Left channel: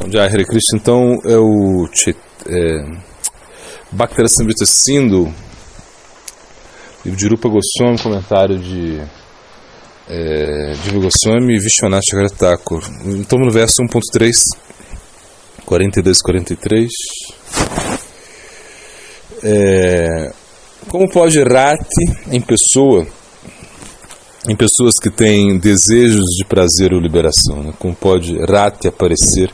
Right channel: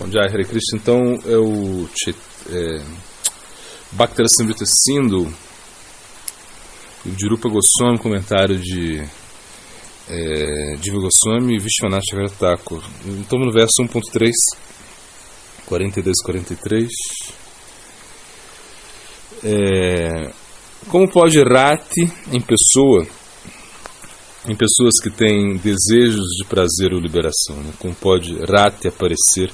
Bom dia, Hare Krishna. Então é o Bhaktarasamrita Sindhu, livro de Rupa Goswami, comentário de Diva Goswami e Vishwanath Chakravarti Thakur. Estamos no verso 1.3, 42-43. Como pode Rati em pessoas que têm desejos de prazer ou liberação, né? Como pode Rati aparecer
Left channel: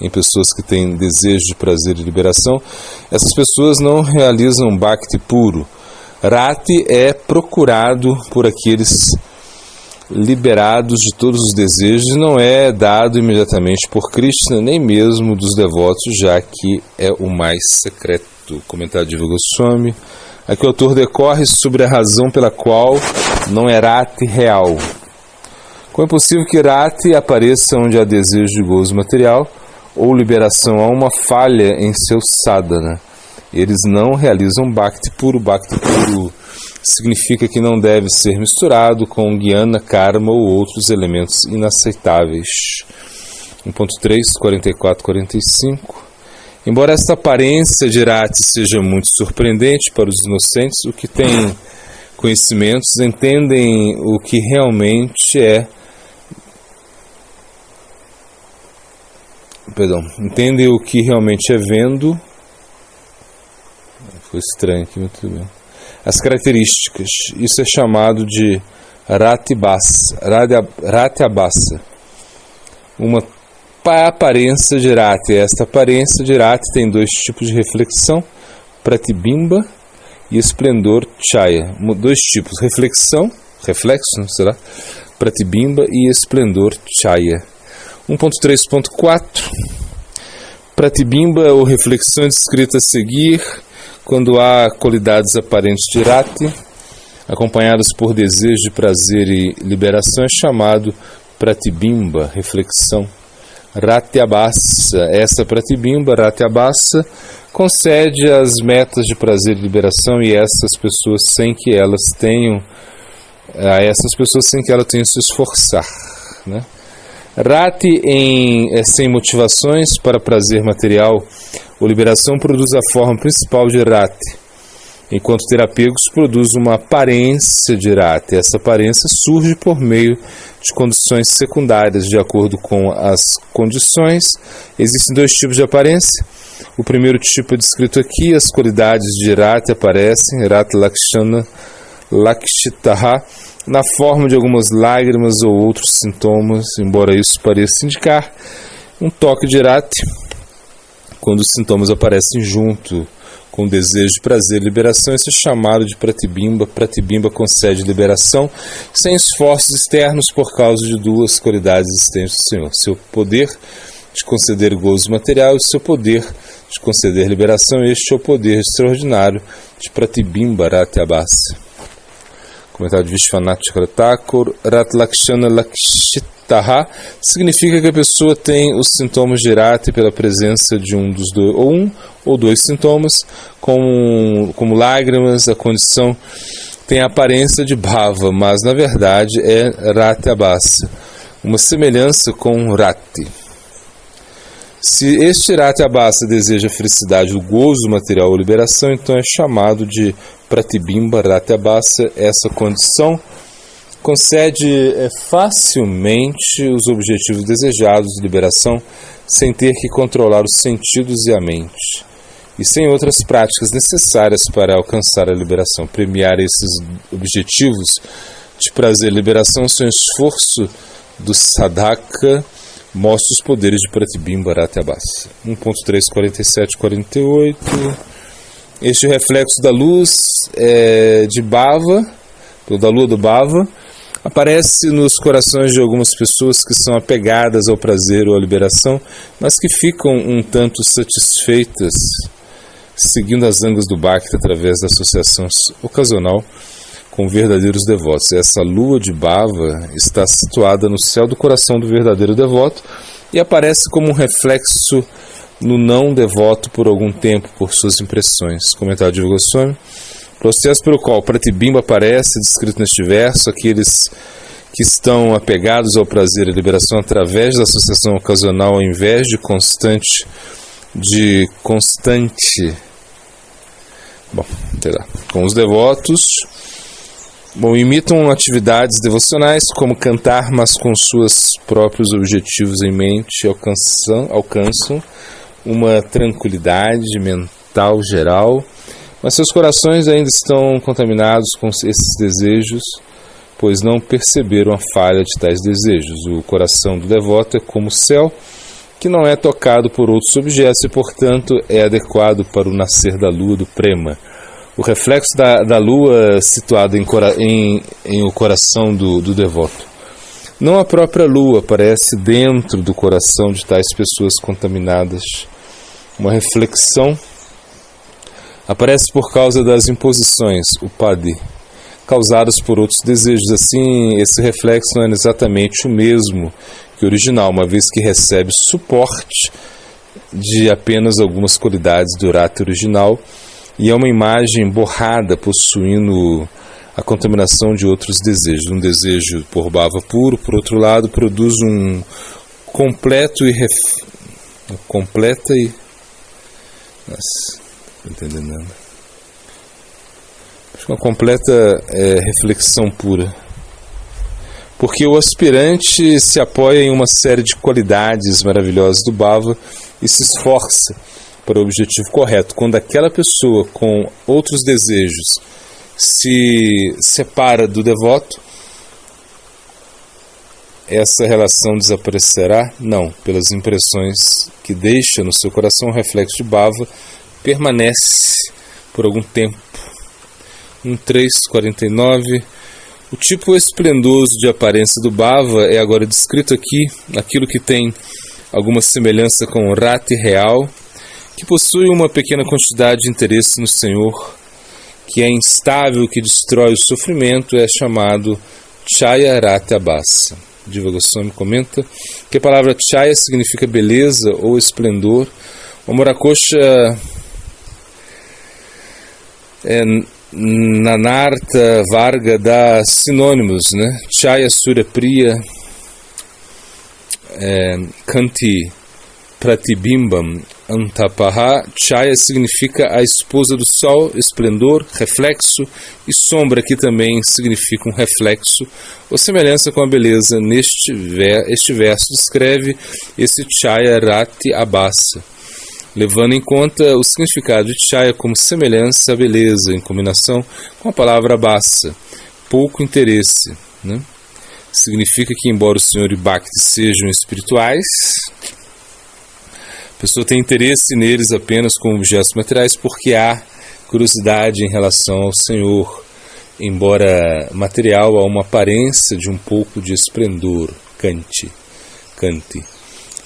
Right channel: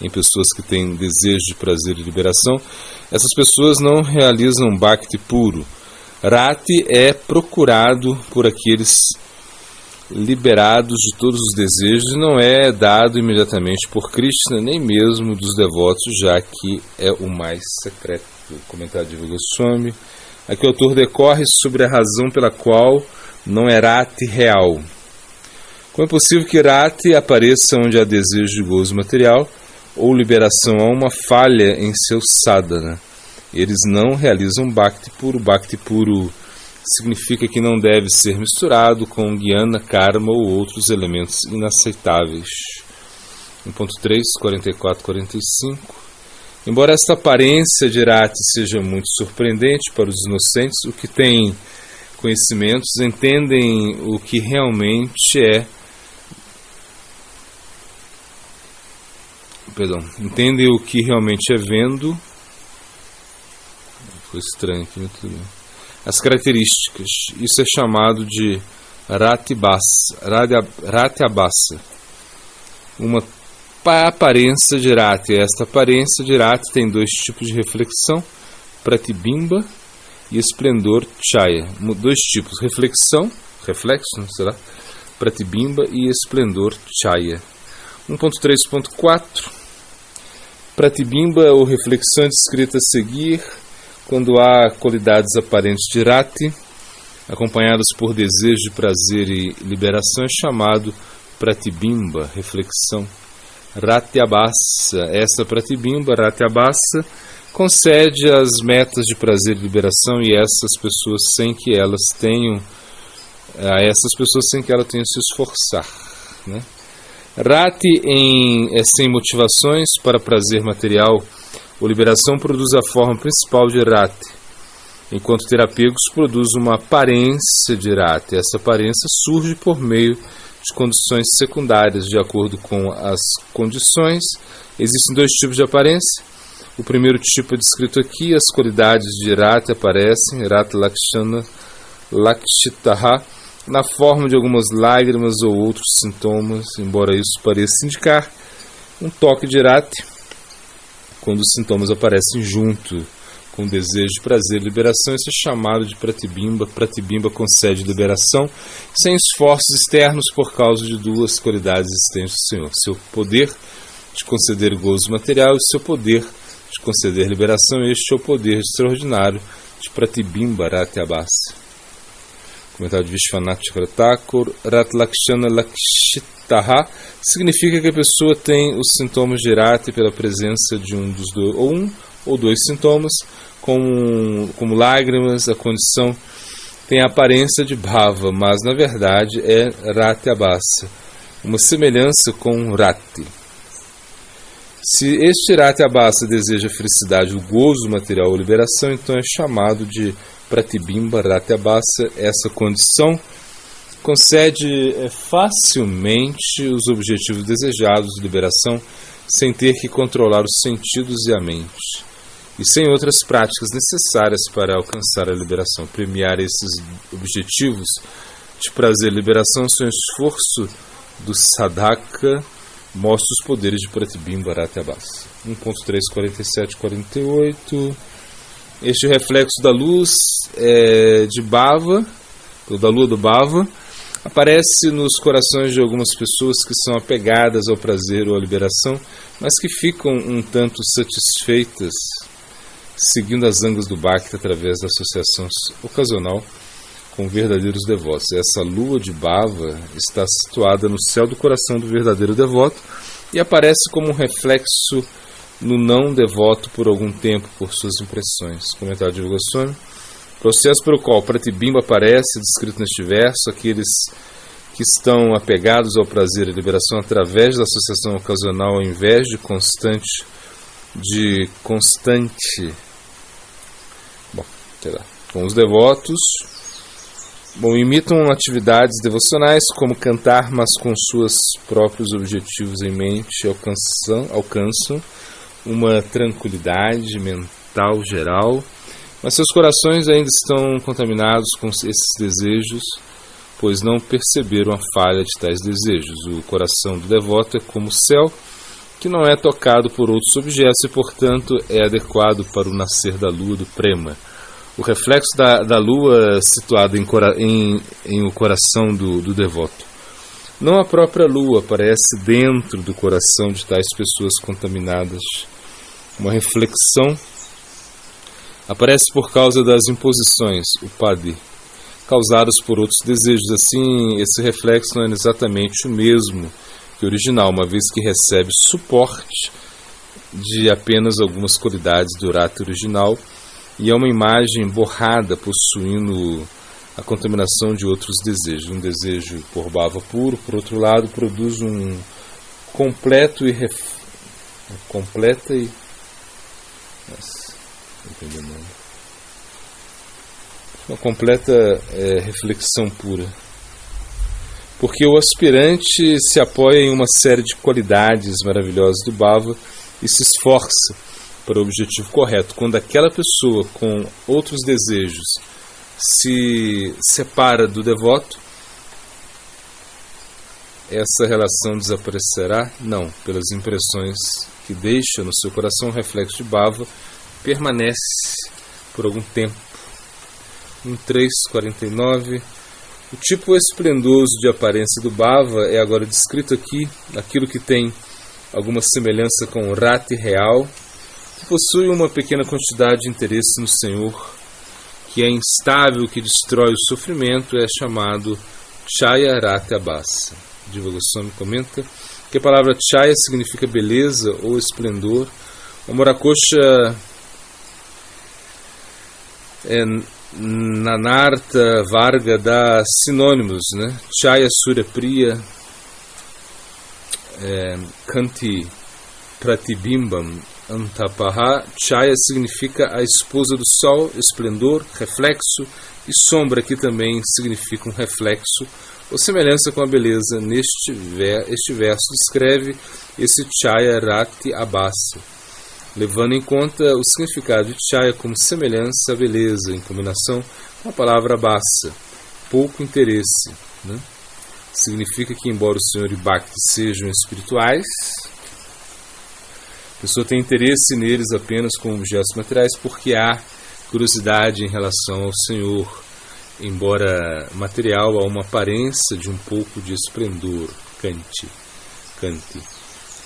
em pessoas que têm desejo de prazer e liberação? Essas pessoas não realizam Bhakti puro. Rati é procurado por aqueles liberados de todos os desejos e não é dado imediatamente por Krishna, nem mesmo dos devotos, já que é o mais secreto. Comentário de Diva Goswami. Aqui o autor decorre sobre a razão pela qual não é Rati real. Como é possível que Rati apareça onde há desejo de gozo material ou liberação? Há uma falha em seu sadhana. Eles não realizam Bhakti puro. Bhakti puro significa que não deve ser misturado com Jnana, Karma ou outros elementos inaceitáveis. 1.3, 44-45. Embora esta aparência de Rati seja muito surpreendente para os inocentes, o que têm conhecimentos entendem o que realmente é. Entendem o que realmente é vendo. Foi estranho aqui, muito bem. As características. Isso é chamado de Rati Abhasa. Uma aparência de Rati. Esta aparência de Rati tem dois tipos de reflexão: Pratibimba e esplendor Chaya. Dois tipos: reflexo, será? Pratibimba e esplendor Chaya. 1.3.4. Pratibimba ou reflexão descrita a seguir quando há qualidades aparentes de Rati acompanhadas por desejo de prazer e liberação é chamado Pratibimba, reflexão. Rati Abhasa. Essa Pratibimba, Rati Abhasa, concede as metas de prazer e liberação e essas pessoas sem que elas tenham se esforçar, né? Rati sem motivações para prazer material ou liberação produz a forma principal de Rati, enquanto ter apegos produz uma aparência de Rati. Essa aparência surge por meio de condições secundárias. De acordo com as condições, existem dois tipos de aparência. O primeiro tipo é descrito aqui: as qualidades de Rati aparecem, Rati Lakshana Lakshitaha, na forma de algumas lágrimas ou outros sintomas, embora isso pareça indicar um toque de Rati. Quando os sintomas aparecem junto com o desejo de prazer e liberação, isso é chamado de Pratibimba. Pratibimba concede liberação sem esforços externos por causa de duas qualidades existentes do Senhor: seu poder de conceder gozo material e seu poder de conceder liberação. Este é o poder extraordinário de Pratibimba Rati Abhasa. Comentário de Vishwanath Chakravarti Thakur. Rati Lakshana Lakshitaha significa que a pessoa tem os sintomas de Rati pela presença de um ou dois sintomas, como lágrimas. A condição tem a aparência de Bhava, mas na verdade é Rati Abhasa, uma semelhança com Rati. Se este Rati Abhasa deseja a felicidade, o gozo material ou liberação, então é chamado de Pratibimba Rati Abhasa. Essa condição concede facilmente os objetivos desejados de liberação sem ter que controlar os sentidos e a mente, e sem outras práticas necessárias para alcançar a liberação. Premiar esses objetivos de prazer e liberação sem esforço do sadhaka mostra os poderes de Pratibimba Rati Abhasa. 1.3, 47-48. Este reflexo da luz de Bhava, ou da lua do Bhava, aparece nos corações de algumas pessoas que são apegadas ao prazer ou à liberação, mas que ficam um tanto satisfeitas seguindo as angas do Bhakti através da associação ocasional com verdadeiros devotos. Essa lua de Bhava está situada no céu do coração do verdadeiro devoto e aparece como um reflexo no não devoto por algum tempo por suas impressões. Comentário de Diva Goswami. O processo pelo qual Pratibimba aparece, descrito neste verso, aqueles que estão apegados ao prazer e à liberação através da associação ocasional ao invés de constante. Com os devotos, imitam atividades devocionais como cantar, mas com seus próprios objetivos em mente, alcançam uma tranquilidade mental geral, mas seus corações ainda estão contaminados com esses desejos, pois não perceberam a falha de tais desejos. O coração do devoto é como o céu, que não é tocado por outros objetos e, portanto, é adequado para o nascer da lua do Prema. O reflexo da lua situado em o coração do devoto. Não a própria lua aparece dentro do coração de tais pessoas contaminadas. Uma reflexão aparece por causa das imposições, o padi, causadas por outros desejos. Assim, esse reflexo não é exatamente o mesmo que o original, uma vez que recebe suporte de apenas algumas qualidades do rata original, e é uma imagem borrada, possuindo a contaminação de outros desejos. Um desejo por bhava puro, por outro lado, produz um uma completa reflexão pura. Porque o aspirante se apoia em uma série de qualidades maravilhosas do bhava e se esforça para o objetivo correto. Quando aquela pessoa com outros desejos se separa do devoto, essa relação desaparecerá? Não, pelas impressões que deixa no seu coração, o reflexo de bhava permanece por algum tempo. 1.3.49. O tipo esplendoso de aparência do bhava é agora descrito aqui, aquilo que tem alguma semelhança com o rati real, que possui uma pequena quantidade de interesse no Senhor, que é instável, que destrói o sofrimento, é chamado Chaya Rati Abhasa. Diva Goswami comenta que a palavra Chaya significa beleza ou esplendor. O Morakosha Nanartha Varga dá sinônimos, né? Chaya Surya Priya, Kanti Pratibimbam Antapaha. Chaya significa a esposa do sol, esplendor, reflexo, e sombra, que também significa um reflexo ou semelhança com a beleza. Este verso descreve esse Chaya Rati Abhasa, levando em conta o significado de Chaya como semelhança à beleza, em combinação com a palavra Abhasa, pouco interesse, né? Significa que, embora o Senhor e Bhakti sejam espirituais, a pessoa tem interesse neles apenas como objetos materiais porque há curiosidade em relação ao Senhor. Embora material, há uma aparência de um pouco de esplendor, Kanti.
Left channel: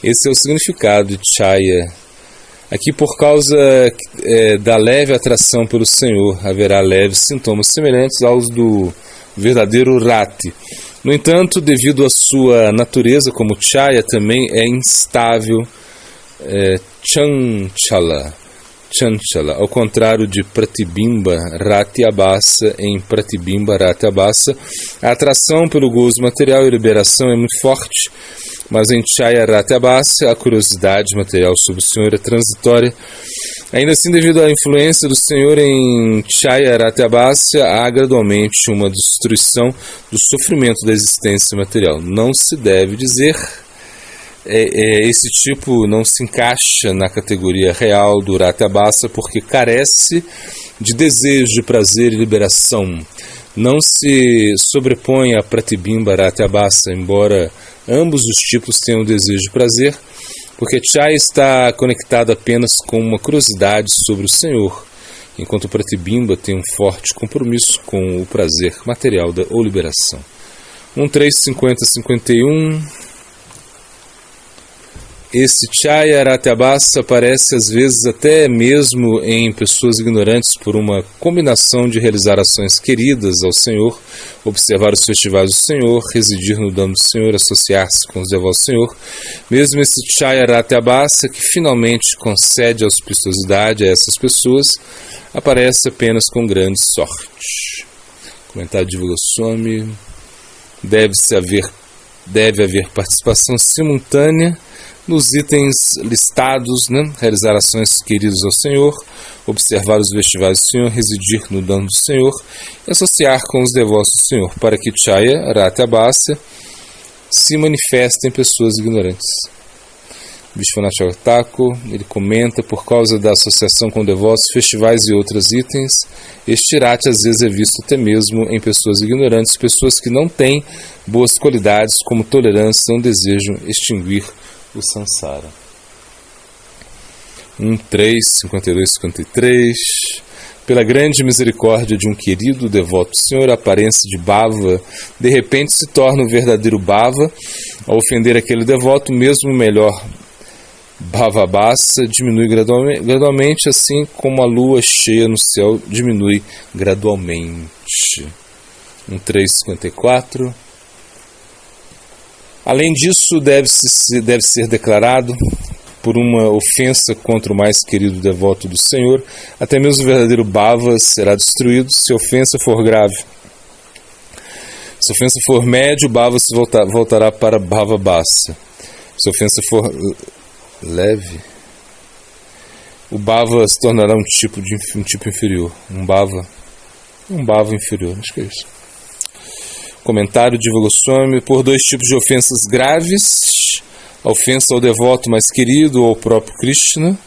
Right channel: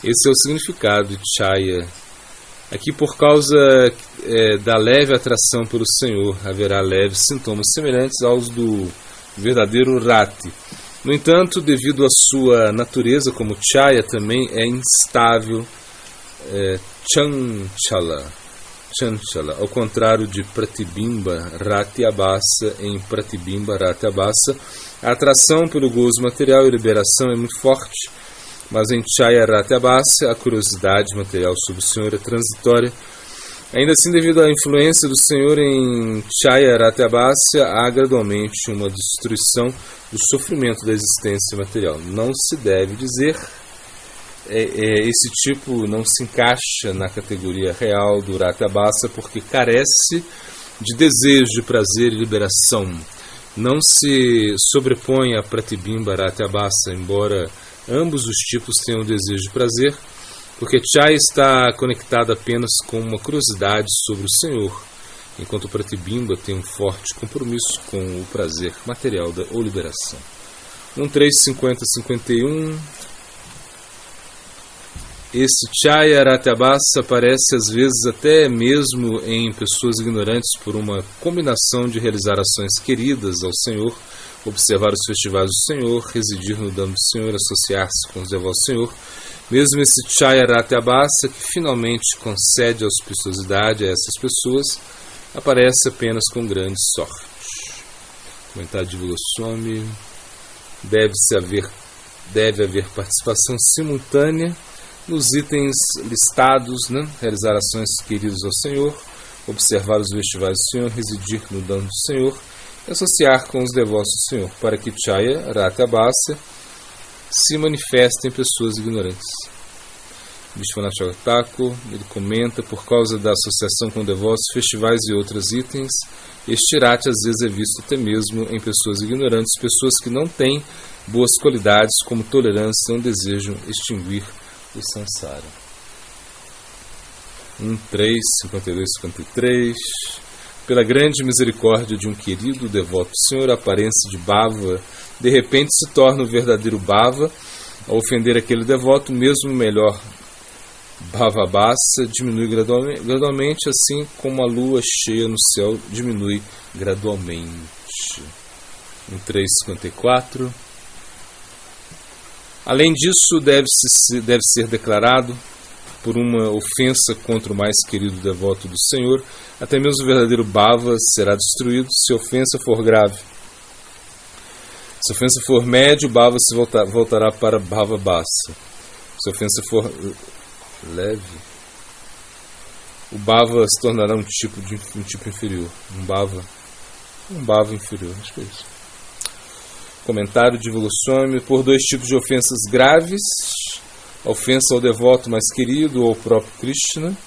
Esse é o significado de Chaya. Aqui, por causa da leve atração pelo Senhor, haverá leves sintomas semelhantes aos do verdadeiro Rati. No entanto, devido à sua natureza como Chaya, também é instável, Chanchala, ao contrário de Pratibimba Rati Abhasa. Em Pratibimba Rati Abhasa, a atração pelo gozo material e liberação é muito forte, mas em Chaya Rati Abhasa, a curiosidade material sobre o Senhor é transitória. Ainda assim, devido à influência do Senhor em Chaya Rati Abhasa, há gradualmente uma destruição do sofrimento da existência material. Não se deve dizer esse tipo não se encaixa na categoria real do Rati Abhasa porque carece de desejo de prazer e liberação. Não se sobrepõe a Pratibimba Rati Abhasa, embora ambos os tipos tenham desejo de prazer, porque Chaya está conectado apenas com uma curiosidade sobre o Senhor, enquanto o Pratibimba tem um forte compromisso com o prazer material ou liberação. 1.3.50.51. Esse Chaya Rati Abhasa aparece às vezes até mesmo em pessoas ignorantes por uma combinação de realizar ações queridas ao Senhor, observar os festivais do Senhor, residir no damo do Senhor, associar-se com os devotos do Senhor. Mesmo esse Chaya Rati Abhasa, que finalmente concede auspiciosidade a essas pessoas, aparece apenas com grande sorte. Comentário de Diva Goswami. deve haver participação simultânea nos itens listados, né? Realizar ações queridas ao Senhor, observar os festivais do Senhor, residir no dano do Senhor e associar com os devotos do Senhor, para que Chaya, Rata Abhasya, se manifestem em pessoas ignorantes. Vishwanath Thakur, ele comenta, por causa da associação com devotos, festivais e outros itens, este rati às vezes é visto até mesmo em pessoas ignorantes, pessoas que não têm boas qualidades como tolerância, não desejam extinguir o samsara. 1.3.52.53. Pela grande misericórdia de um querido devoto do Senhor, a aparência de Bhava de repente se torna o verdadeiro Bhava. Ao ofender aquele devoto, mesmo o melhor Bhavabhasa diminui gradualmente, assim como a lua cheia no céu diminui gradualmente. 1.3.54. Além disso, deve ser declarado, por uma ofensa contra o mais querido devoto do Senhor, até mesmo o verdadeiro Bhava será destruído se a ofensa for grave. Se a ofensa for média, o Bhava se voltará para Bhavabhasa. Se a ofensa for leve, o Bhava se tornará um tipo inferior. Um Bhava inferior, acho que é isso. Comentário de Goswami: por dois tipos de ofensas graves, a ofensa ao devoto mais querido ou ao próprio Krishna,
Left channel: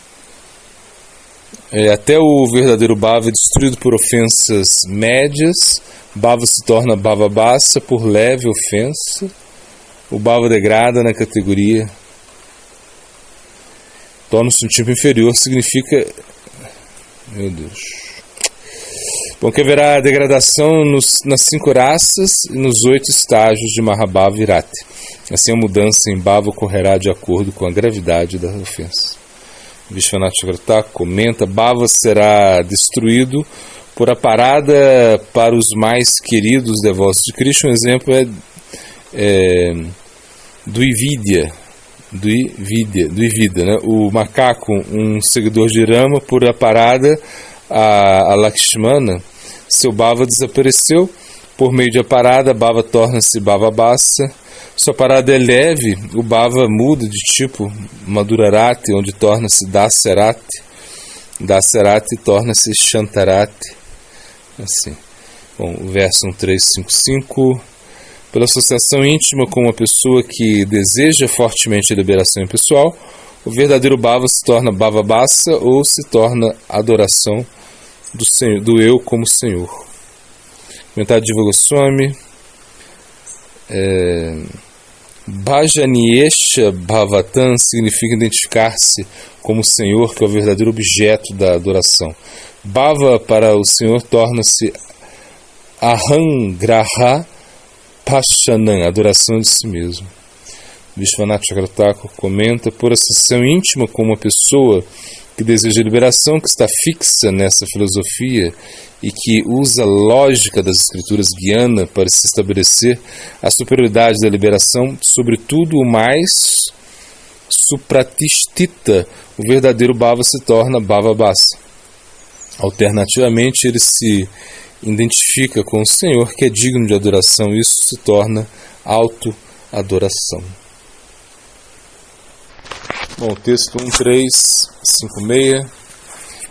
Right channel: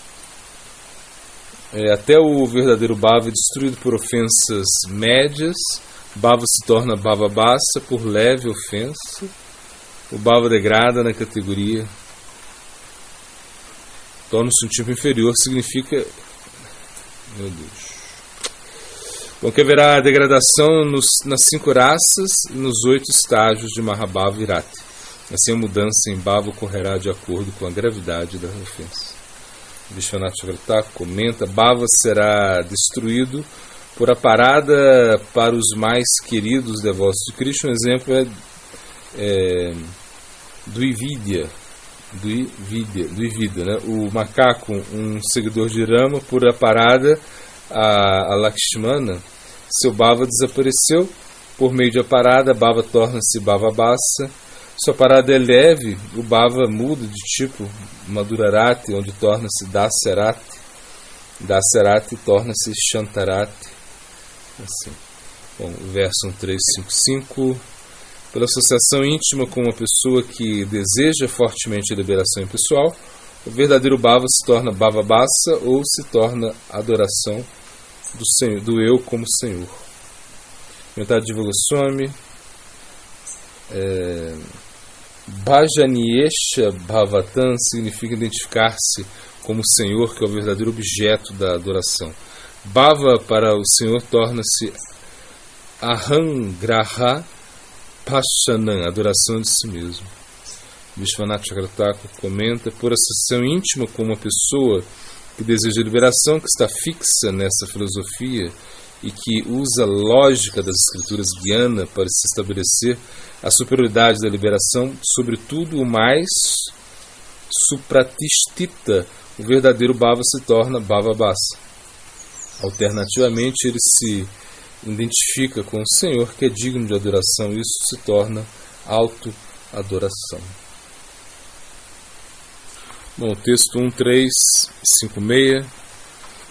até o verdadeiro Bhava é destruído por ofensas médias. Bhava se torna Bhavabhasa por leve ofensa. O Bhava degrada na categoria, torna-se um tipo inferior, significa, meu Deus, bom, que haverá degradação nas 5 raças e nos 8 estágios de Mahabhava e Rati. Assim, a mudança em Bhava ocorrerá de acordo com a gravidade da ofensa. Vishwanath Thakur comenta: Bhava será destruído por a parada para os mais queridos devotos de Krishna. Um exemplo é Dvivida, né? O macaco, um seguidor de Rama, por a parada a Lakshmana, seu Bhava desapareceu. Por meio de a parada, Bhava torna-se Bhavabhasa. Se a parada é leve, o Bhava muda de tipo Madhurarati, onde torna-se Dasyarati. Dasyarati torna-se Shantarati. Assim. Bom, o verso 1.355. Pela associação íntima com uma pessoa que deseja fortemente a liberação pessoal, o verdadeiro Bhava se torna Bhavabhasa ou se torna adoração do eu como Senhor. Comentário de Goswami: Bhajaniesha Bhavatan significa identificar-se como Senhor, que é o verdadeiro objeto da adoração. Bhava para o Senhor torna-se Ahangraha Pashanam, adoração de si mesmo. Vishwanath Thakur comenta: por associação íntima com uma pessoa que deseja liberação, que está fixa nessa filosofia e que usa a lógica das escrituras Gyana para se estabelecer a superioridade da liberação, sobretudo o mais supratishtita, o verdadeiro Bhava se torna Bhavabhasa. Alternativamente, ele se identifica com o Senhor, que é digno de adoração, e isso se torna auto-adoração. Bom, texto 1.356.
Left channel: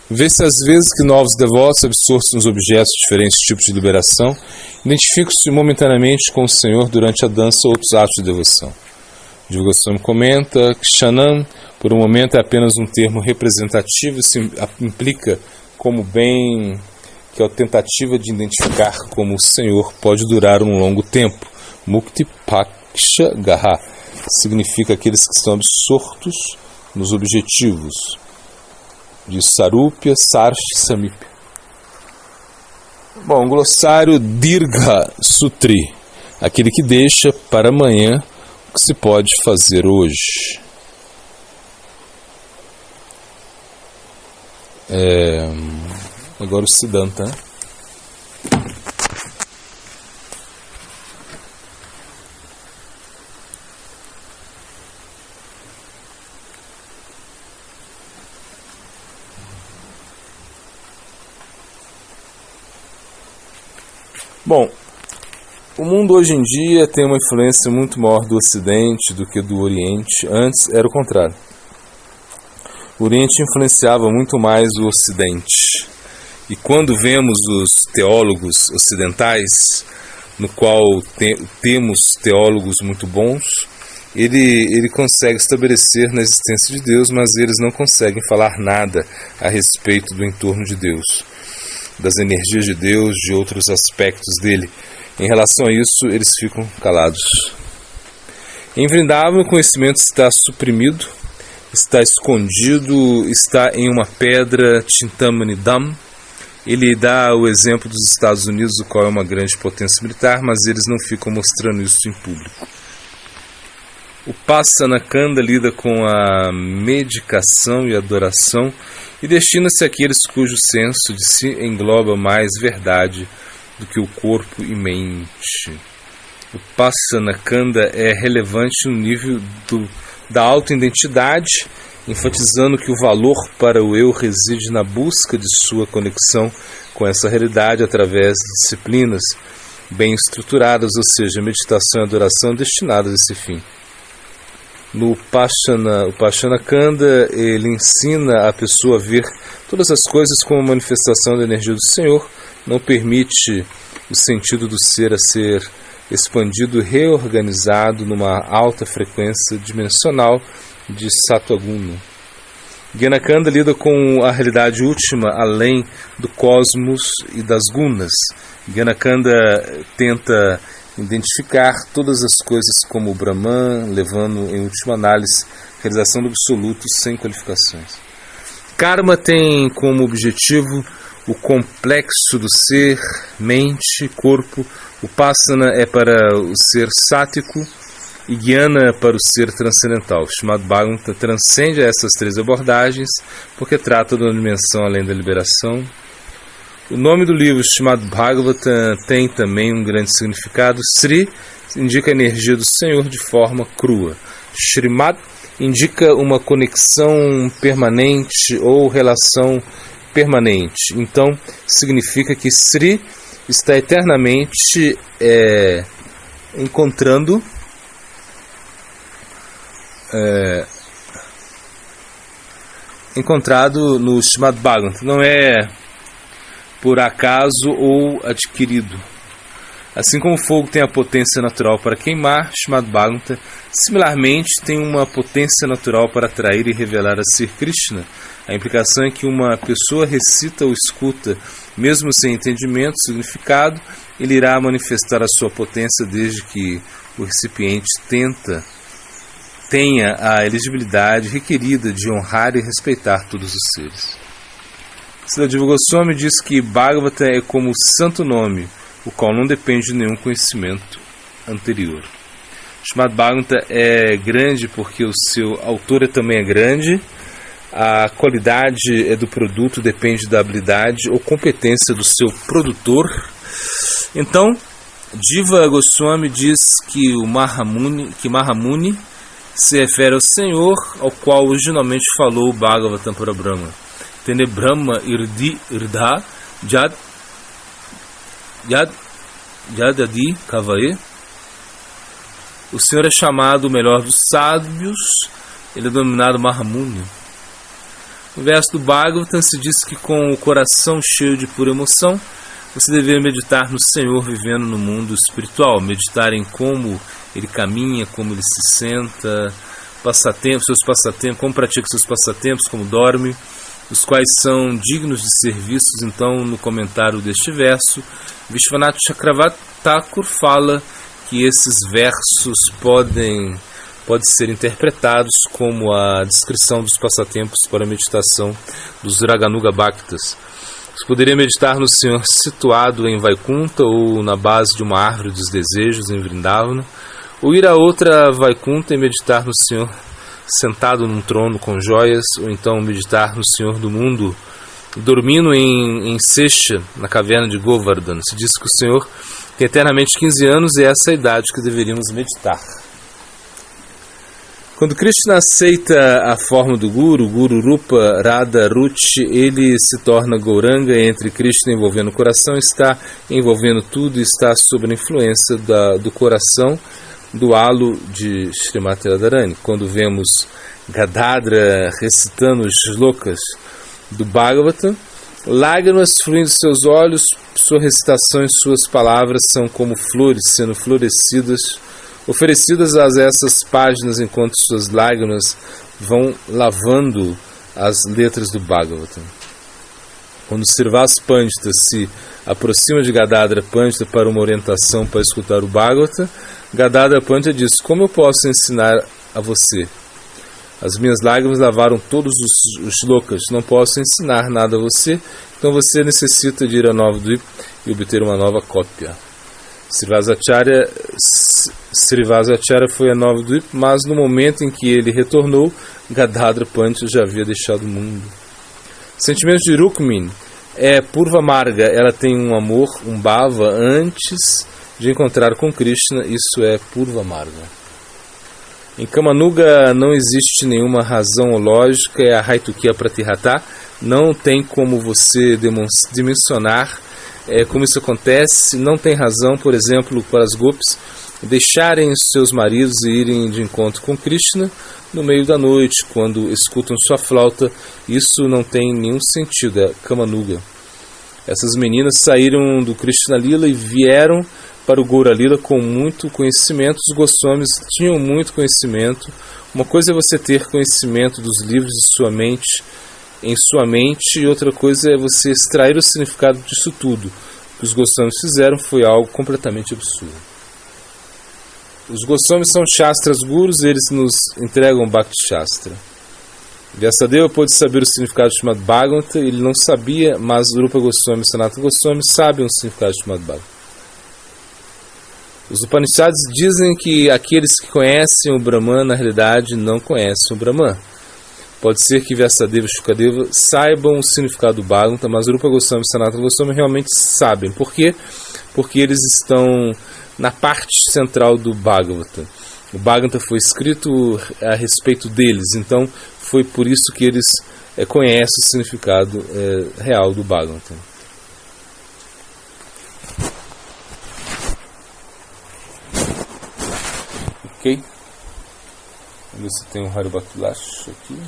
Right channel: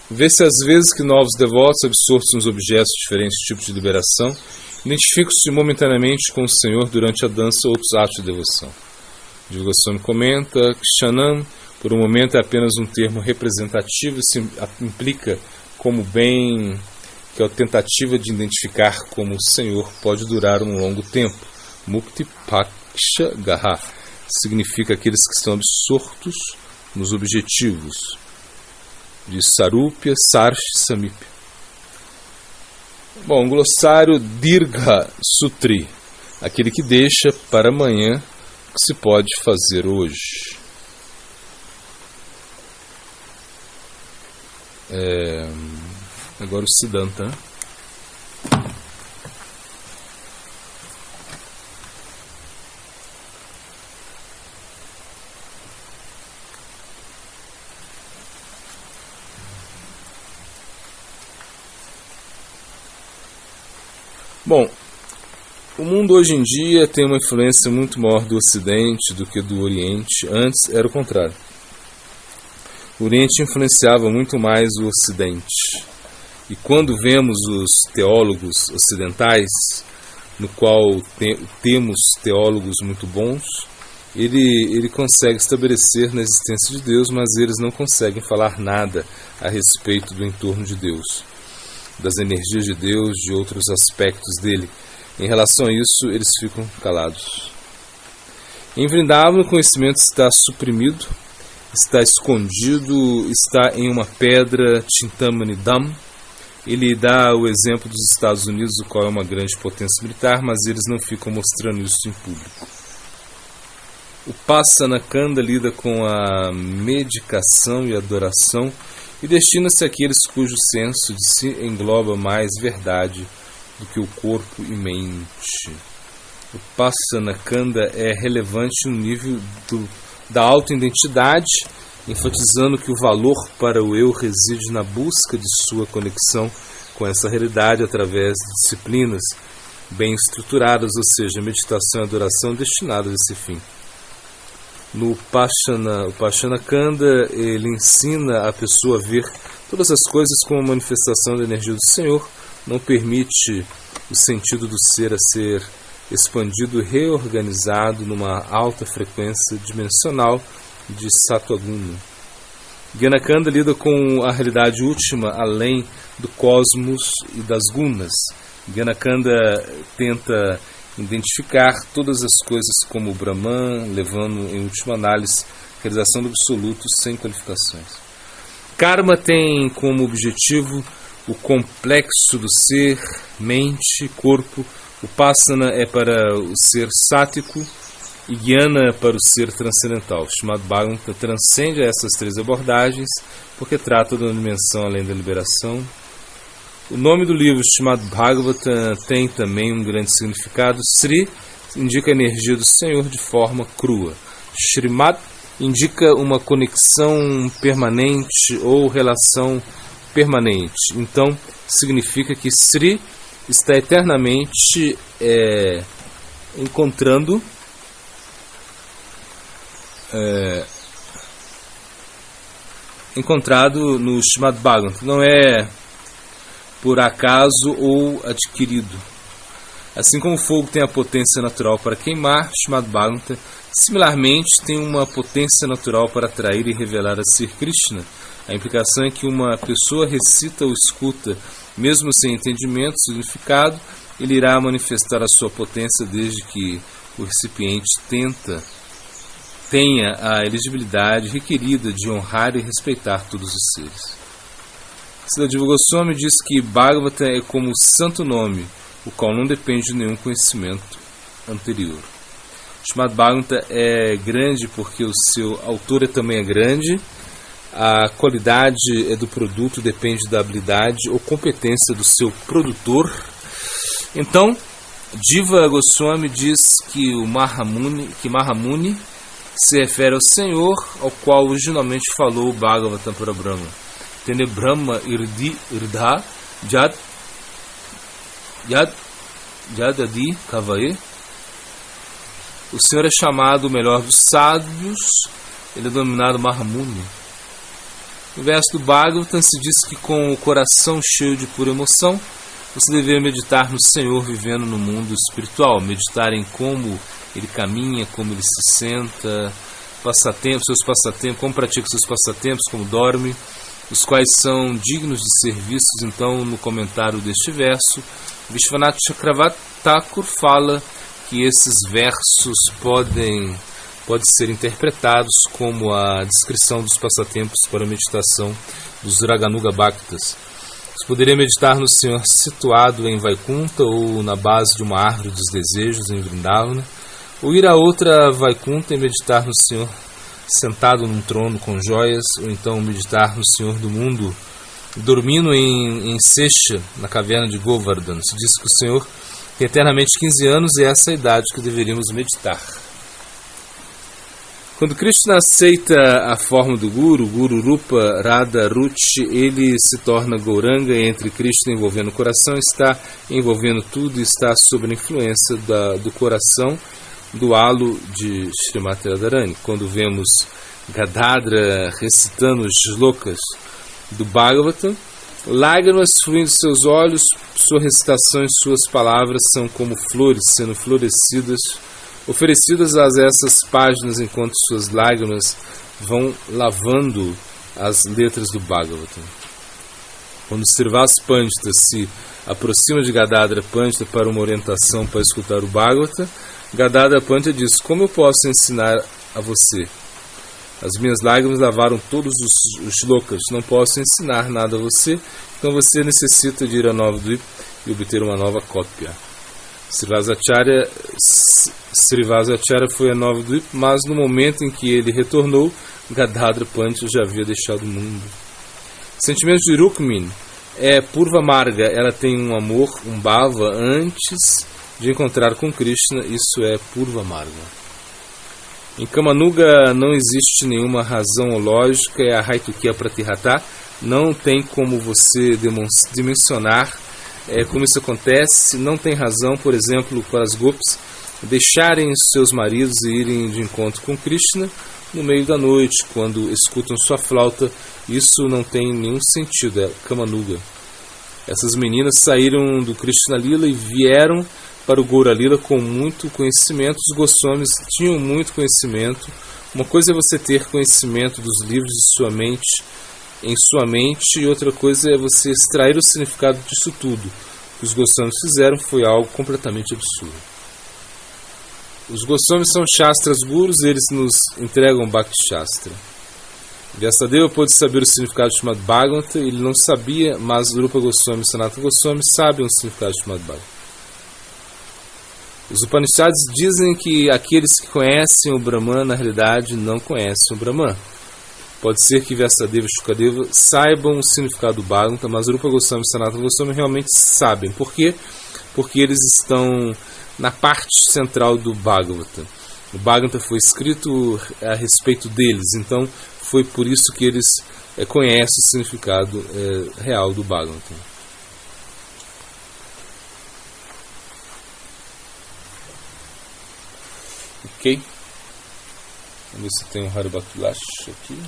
Vê-se às vezes que novos devotos, absortos nos objetos de diferentes tipos de liberação, identificam-se momentaneamente com o Senhor durante a dança ou outros atos de devoção. Jiva Goswami comenta que Shanam, por um momento, é apenas um termo representativo, isso implica como bem que a tentativa de identificar como o Senhor pode durar um longo tempo. Mukti Paksha Gaha significa aqueles que estão absortos nos objetivos de Sarupya, Sarshi, Samipya. Bom, glossário Dirgha Sutri, aquele que deixa para amanhã o que se pode fazer hoje. Agora o Siddhanta, né? Bom, O mundo hoje em dia tem uma influência muito maior do Ocidente do que do Oriente. Antes era o contrário. O Oriente influenciava muito mais o Ocidente. E quando vemos os teólogos ocidentais, no qual temos teólogos muito bons, ele consegue estabelecer na existência de Deus, mas eles não conseguem falar nada a respeito do entorno de Deus, das energias de Deus, de outros aspectos dele. Em relação a isso, eles ficam calados. Em Vrindavan, o conhecimento está suprimido, está escondido, está em uma pedra, Chintamani Dham. Ele dá o exemplo dos Estados Unidos, o qual é uma grande potência militar, mas eles não ficam mostrando isso em público. O Pasanakanda lida com a medicação e adoração e destina-se àqueles cujo senso de si engloba mais verdade do que o corpo e mente. O Pasanakanda é relevante no nível da autoidentidade, enfatizando que o valor para o eu reside na busca de sua conexão com essa realidade através de disciplinas bem estruturadas, ou seja, meditação e adoração destinadas a esse fim. No Pasanakanda, ele ensina a pessoa a ver todas as coisas como manifestação da energia do Senhor, não permite o sentido do ser a ser expandido e reorganizado numa alta frequência dimensional de Sattva-guna. Gyanakanda lida com a realidade última além do cosmos e das gunas. Gyanakanda tenta identificar todas as coisas como o Brahman, levando em última análise a realização do absoluto sem qualificações. Karma tem como objetivo o complexo do ser, mente, corpo. O Upasana é para o ser sático e Jnana para o ser transcendental. Srimad Bhagavatam transcende essas três abordagens porque trata de uma dimensão além da liberação. O nome do livro Srimad Bhagavatam tem também um grande significado. Sri indica a energia do Senhor de forma crua. Srimad indica uma conexão permanente ou relação permanente. Então, significa que Sri está eternamente encontrando encontrado no Srimad Bhagavatam. Não é por acaso ou adquirido. Assim como o fogo tem a potência natural para queimar, Srimad Bhagavatam similarmente tem uma potência natural para atrair e revelar a Sri Krishna. A implicação é que uma pessoa recita ou escuta, mesmo sem entendimento, significado, ele irá manifestar a sua potência desde que o recipiente tenha a elegibilidade requerida de honrar e respeitar todos os seres. Sridhar Goswami diz que Bhagavatam é como o santo nome, o qual não depende de nenhum conhecimento anterior. Srimad Bhagavatam é grande porque o seu autor também é grande. A qualidade do produto depende da habilidade ou competência do seu produtor. Então, Jiva Goswami diz que Mahamuni se refere ao Senhor, ao qual originalmente falou o Bhagavatam para Brahma. Tene Brahma irdi irdha yadadi kavae. O Senhor é chamado o melhor dos sábios, ele é denominado Mahamuni. No verso do Bhagavatam se diz que com o coração cheio de pura emoção, você deveria meditar no Senhor vivendo no mundo espiritual, meditar em como ele caminha, como ele se senta, seus passatempos, como pratica seus passatempos, como dorme, os quais são dignos de ser vistos. Então, no comentário deste verso, Vishwanath Chakravarti Thakur fala que esses versos podem ser interpretados como a descrição dos passatempos para a meditação dos Raganuga Bhaktas. Você poderia meditar no Senhor situado em Vaikunta ou na base de uma árvore dos desejos em Vrindavana, ou ir a outra Vaikunta e meditar no Senhor sentado num trono com joias, ou então meditar no Senhor do mundo dormindo em Sesha, na caverna de Govardhana. Se diz que o Senhor tem eternamente 15 anos e essa é a idade que deveríamos meditar. Quando Krishna aceita a forma do Guru Rupa Radha Ruchi, ele se torna Gauranga. Entre Krishna envolvendo o coração, está envolvendo tudo, está sob a influência do coração, do halo de Srimati Radharani. Quando vemos Gadadhara recitando os shlokas do Bhagavatam, lágrimas fluindo de seus olhos, sua recitação e suas palavras são como flores sendo florescidas, oferecidas a essas páginas, enquanto suas lágrimas vão lavando as letras do Bhagavatam. Quando Srivas Pandita se aproxima de Gadadhara Pandita para uma orientação para escutar o Bhagavatam, Gadadhara Pandita diz: como eu posso ensinar a você? As minhas lágrimas lavaram todos os shlokas, não posso ensinar nada a você, então você necessita de ir a Navadvip e obter uma nova cópia. Srivasacharya foi a Navadvip, mas no momento em que ele retornou, Gadadhara Pandita já havia deixado o mundo. Sentimento de Rukmini é Purva Marga, ela tem um amor, um bhava, antes de encontrar com Krishna, isso é Purva Marga. Em Kamanuga não existe nenhuma razão lógica, é a Haitukia Pratihata, não tem como você dimensionar como isso acontece, não tem razão, por exemplo, para as gopis deixarem seus maridos e irem de encontro com Krishna no meio da noite, quando escutam sua flauta. Isso não tem nenhum sentido, é Kamanuga. Essas meninas saíram do Krishna Lila e vieram para o Gaura Lila com muito conhecimento. Os Goswamis tinham muito conhecimento. Uma coisa é você ter conhecimento dos livros em sua mente, e outra coisa é você extrair o significado disso tudo. O que os Goswamis fizeram foi algo completamente absurdo. Os Goswamis são Shastras Gurus, eles nos entregam Bhakti Shastra. Vyasadeva pôde saber o significado de Srimad Bhagavatam, ele não sabia, mas Rupa Goswami e Sanatana Goswami sabem o significado de Srimad Bhagavatam. Os Upanishads dizem que aqueles que conhecem o Brahman, na realidade, não conhecem o Brahman. Pode ser que Vyasadeva e Shukadeva saibam o significado do Bhagavatam, mas Rupa Goswami e Sanatana Goswami realmente sabem. Por quê? Porque eles estão na parte central do Bhagavatam. O Bhagavatam foi escrito a respeito deles, então foi por isso que eles conhecem o significado real do Bhagavatam. Ok? Vamos ver se tem um Haribakulash aqui.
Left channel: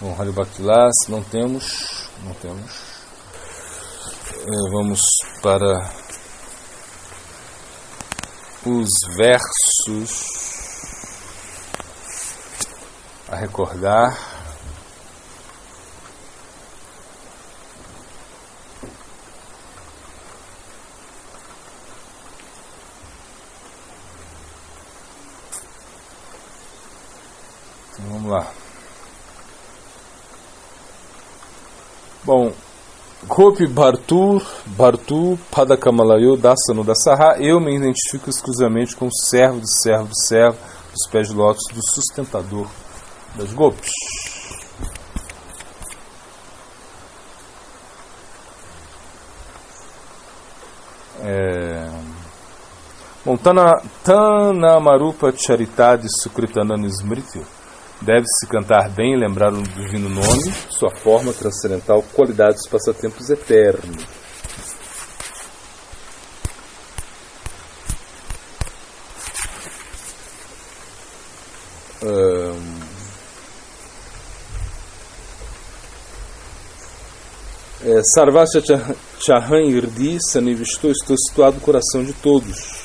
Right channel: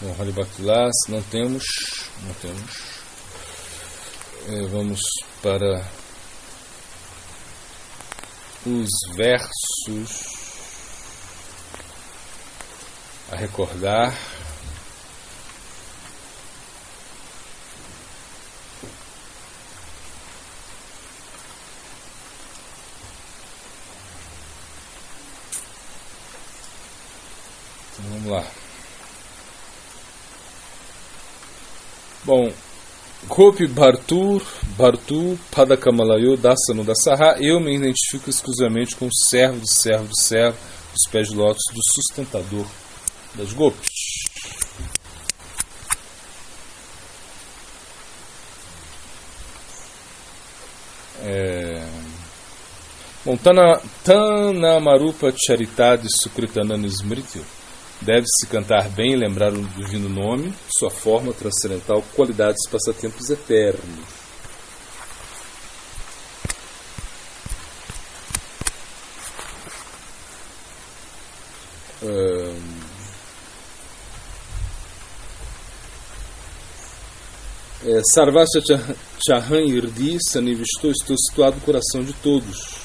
Bom, Haribakulash não temos. Vamos para os versos a recordar. Então, vamos lá. Bom, Gopi Bhartu Padakamalayo Dasanu Dasaha, eu me identifico exclusivamente com o servo do servo do servo, os pés de lótus do sustentador das Gopis. Bom, Tanamarupa Charitadi Sukritanana Smrityu. Deve-se cantar bem e lembrar o divino nome, sua forma transcendental, qualidades, passatempos eternos. Sarvasya Chahan Irdi Sanivisto, estou situado no coração de todos.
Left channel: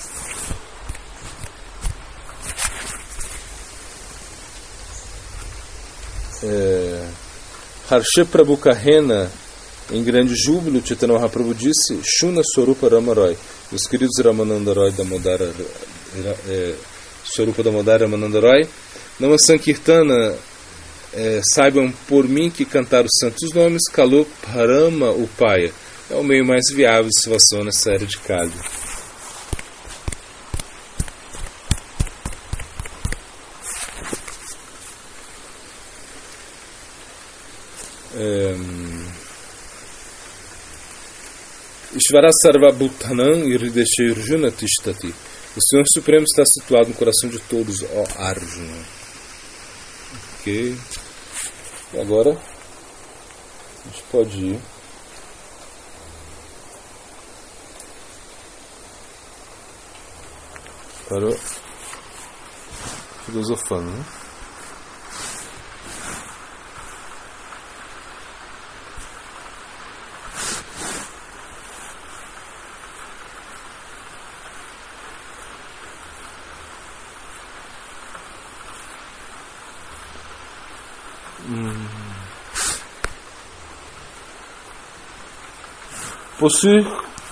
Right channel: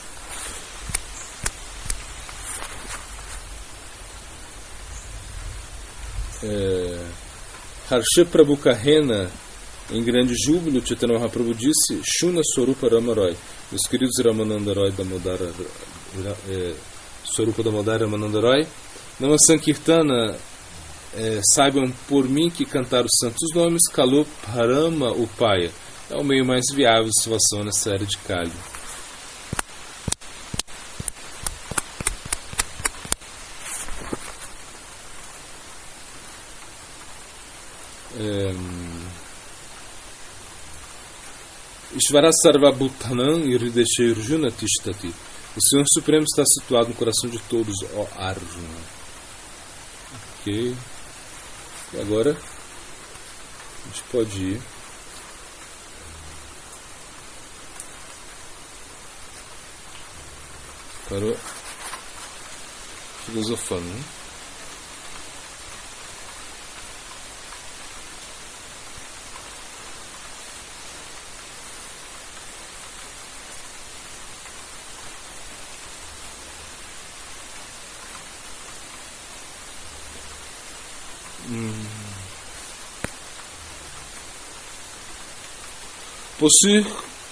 Harsha Prabhu Kahena, em grande júbilo, Chaitanya Mahaprabhu disse: Shuna Swarupa Ramaroy, meus queridos Ramananda Roy Damodara, Swarupa Damodara Ramananda Roy, Nama Sankirtana, saibam por mim que cantar os santos nomes, Kalup Harama Upaya, é o meio mais viável de salvação nessa era de Kali. Ishvara Sarvabhutanam Irideshe Arjuna Tishtati. O Senhor Supremo está situado no coração de todos, ó Arjuna. Ok. E agora a gente pode ir para o filosofando, né?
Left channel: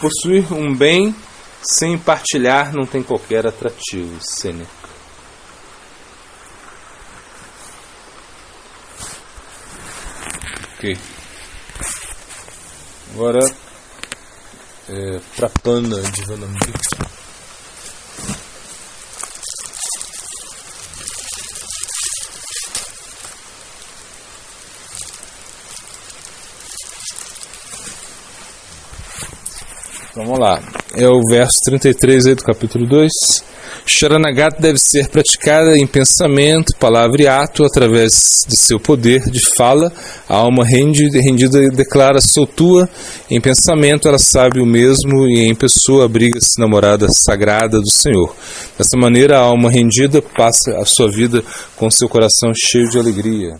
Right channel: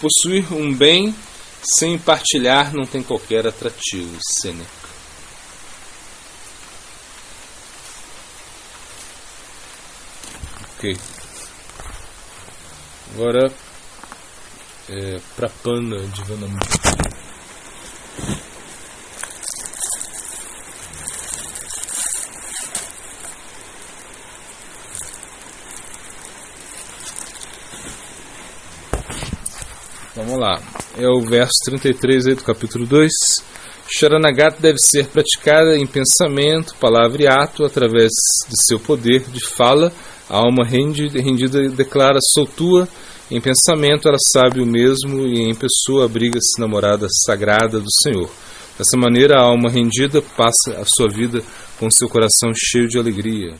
Possuir um bem sem partilhar não tem qualquer atrativo. Sêneca. Ok. Agora Prapana Divanamrita. Vamos lá, é o verso 33 aí do capítulo 2. Sharanagati deve ser praticada em pensamento, palavra e ato, através de seu poder de fala. A alma rendida declara: sou tua. Em pensamento ela sabe o mesmo, e em pessoa abriga-se na morada sagrada do Senhor. Dessa maneira a alma rendida passa a sua vida com seu coração cheio de alegria.